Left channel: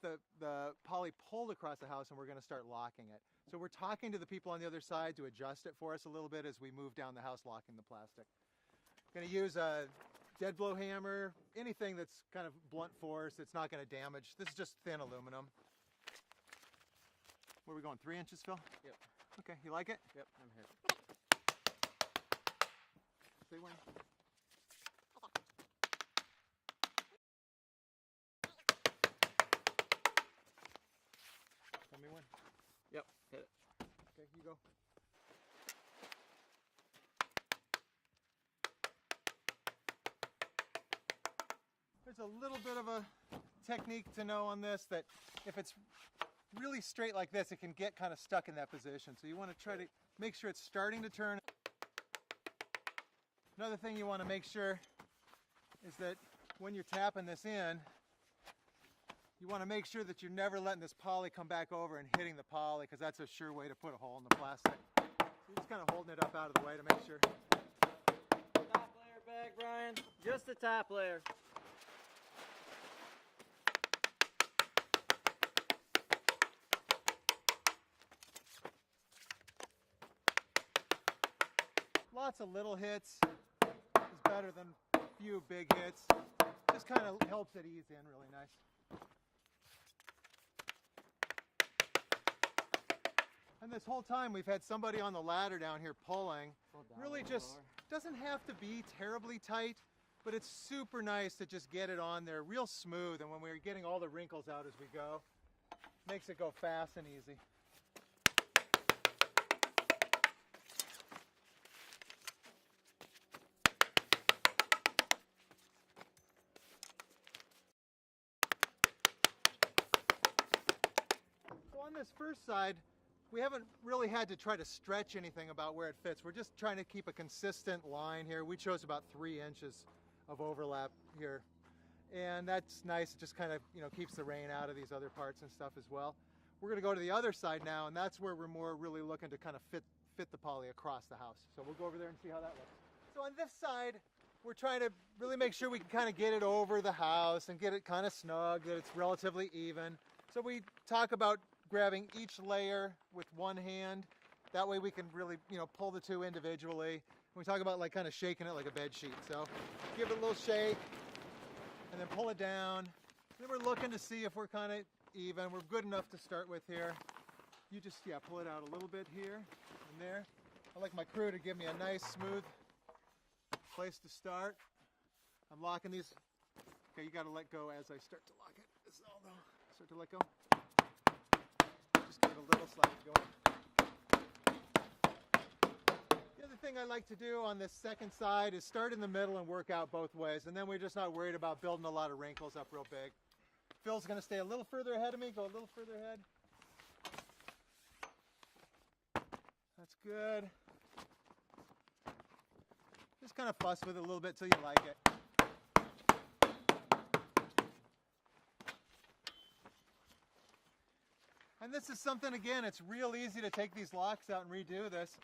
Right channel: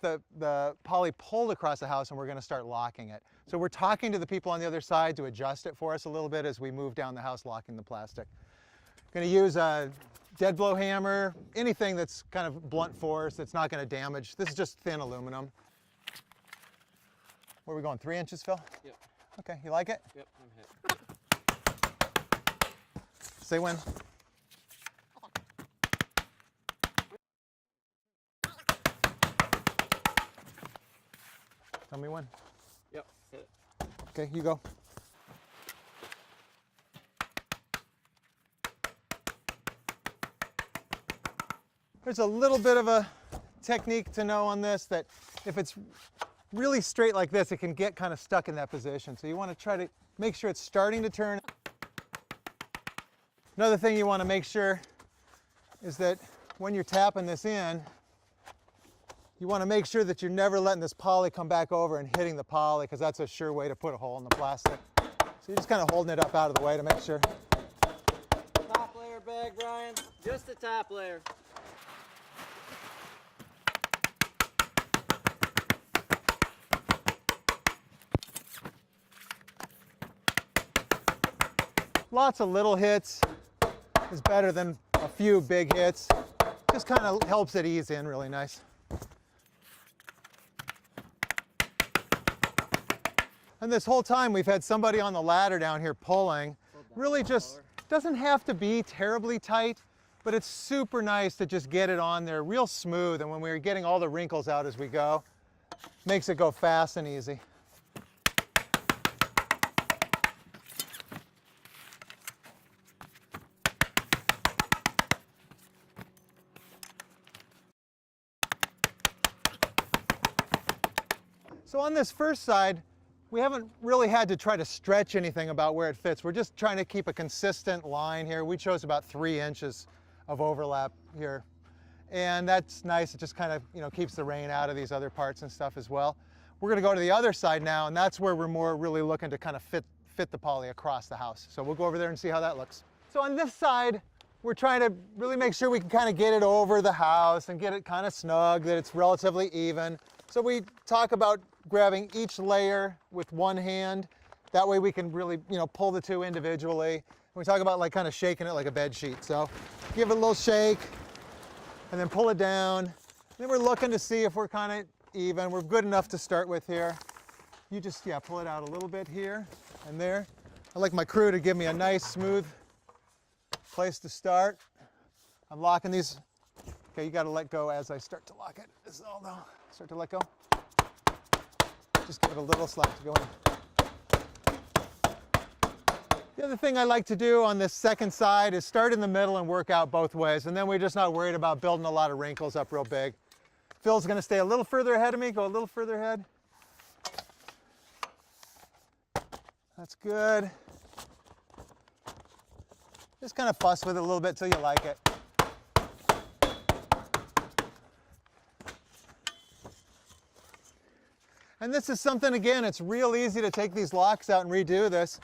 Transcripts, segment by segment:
got the poly pulled across the house and we're going to start locking it. So we're talking to the people on the other side to adjust it for us a little bit as we move down the house locking the plastic. Going to use a dead blow hammer, anything that's kind of blunt force that's not going to damage. This is just thin aluminum. Where are we going, 3 inches, Phil? Yep. Okay, you like it? Yep, I'm hit. Say when. Tell me when. Yep, hit it. Okay, you go. There's a little bit of a technique to know on this, that if it's really straight like this, it can get kind of stuck in that position. So you want to try to make sure it's starting to turn. Another thing you want to make sure is that when you're tapping this in, you want to make sure that you're never letting this poly come back over and hitting the poly, because that's a sure way to put a hole in the plastic. So you're just kind of holding it up out of the way to make sure. Top layer bag, Brian. Just the top layer. Lots of little hits is better than a few big hits. Just kind of helps it ease in really nice. And this whole time we've had somebody on the ladder down here pulling. Really just doesn't have to be terribly tight, but it's super nice to just get it on there real smooth. And when we're getting all the wrinkles out as we go, makes it go fast and easy. So on this first side, we haven't really had to try to stretch anything about where it fits. We're just trying to keep a consistent line here. We chose about 3 inches of overlap here. And that's nice. It just kind of, keeps the rain out of these other parts and stuff as well. We're going to go to the other side now, and that's where we're more really looking to kind of fit the poly across the house. So we'll go over there and see how that looks. So on this side, we're trying to really make sure we can kind of get it over the house and get it kind of snug, that it's relatively even. So we talk about grabbing each layer with one hand. That way we can really, pull the two individually. And we talk about like kind of shaking it like a bed sheet. So give it a little shake and then pull it down. And then we're looking to see if we're kind of even. We're good enough to start with here. You just, pull it out a little bit here and there. I like my crew to give me a nice smooth place to start. I'm locking these. Okay, you got to let go as I start to lock it. This is all though. Start to let go. Just give it a little slack to go in. The other thing I like to do on this second side is start in the middle and work out both ways, and then we're just not worried about building a lot of wrinkles up real big. Phil's going to stay a little further ahead of me, go a little further ahead. That's good. Just kind of fuss with it a little bit till you like it. And this is something, again, it's real easy to take these locks out and redo this.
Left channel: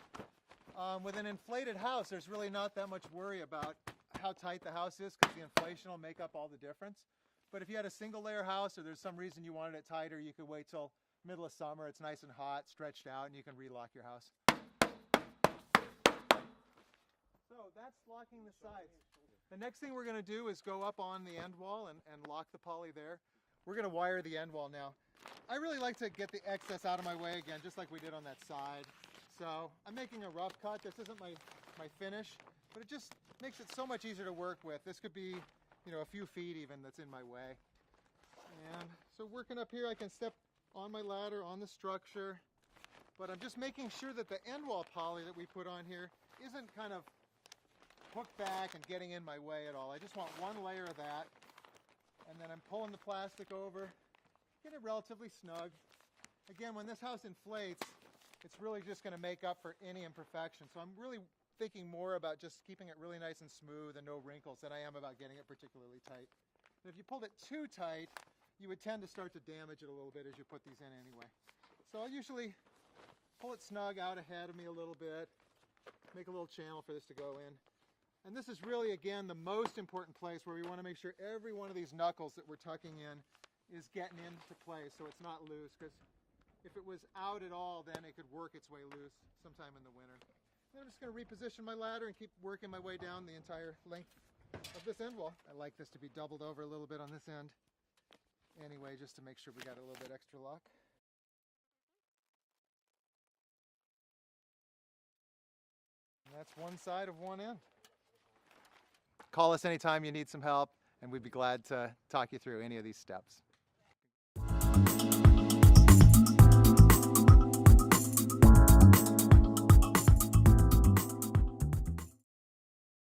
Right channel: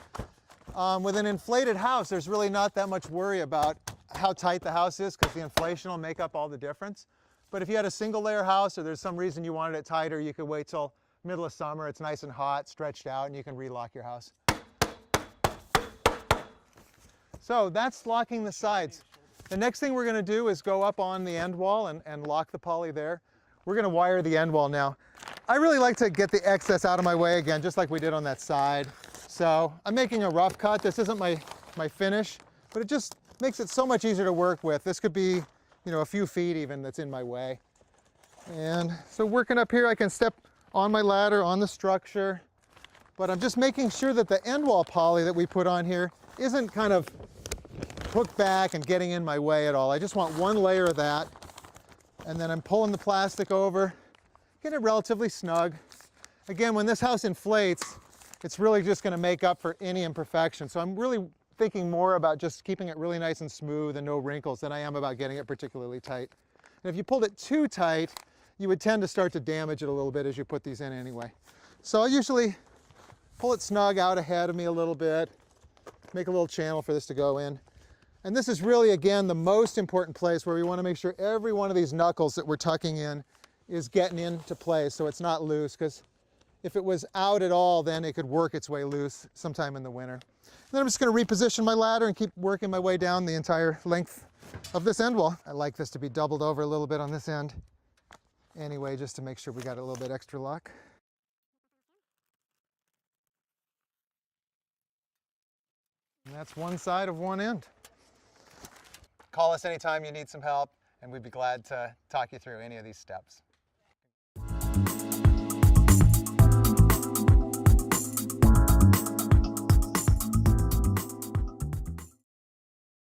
With an inflated house, there's really not that much worry about how tight the house is, because the inflation will make up all the difference. But if you had a single layer house, or there's some reason you wanted it tighter, you could wait till middle of summer, it's nice and hot, stretched out, and you can relock your house. So that's locking the sides. The next thing we're going to do is go up on the end wall and lock the poly there. We're going to wire the end wall now. I really like to get the excess out of my way again, just like we did on that side. So I'm making a rough cut. This isn't my finish, but it just makes it so much easier to work with. This could be, a few feet even that's in my way. And so working up here, I can step on my ladder, on the structure, but I'm just making sure that the end wall poly that we put on here isn't kind of hooked back and getting in my way at all. I just want one layer of that. And then I'm pulling the plastic over, get it relatively snug. Again, when this house inflates, it's really just going to make up for any imperfection. So I'm really thinking more about just keeping it really nice and smooth and no wrinkles than I am about getting it particularly tight. And if you pulled it too tight, you would tend to start to damage it a little bit as you put these in anyway. So I usually pull it snug out ahead of me a little bit, make a little channel for this to go in. And this is really, again, the most important place where we want to make sure every one of these knuckles that we're tucking in is getting into place so it's not loose, because if it was out at all, then it could work its way loose sometime in the winter. Then I'm just going to reposition my ladder and keep working my way down the entire length of this end wall. I like this to be doubled over a little bit on this end anyway, just to make sure we got a little bit extra luck. And that's one side of one end. Call us anytime you need some help, and we'd be glad to talk you through any of these steps.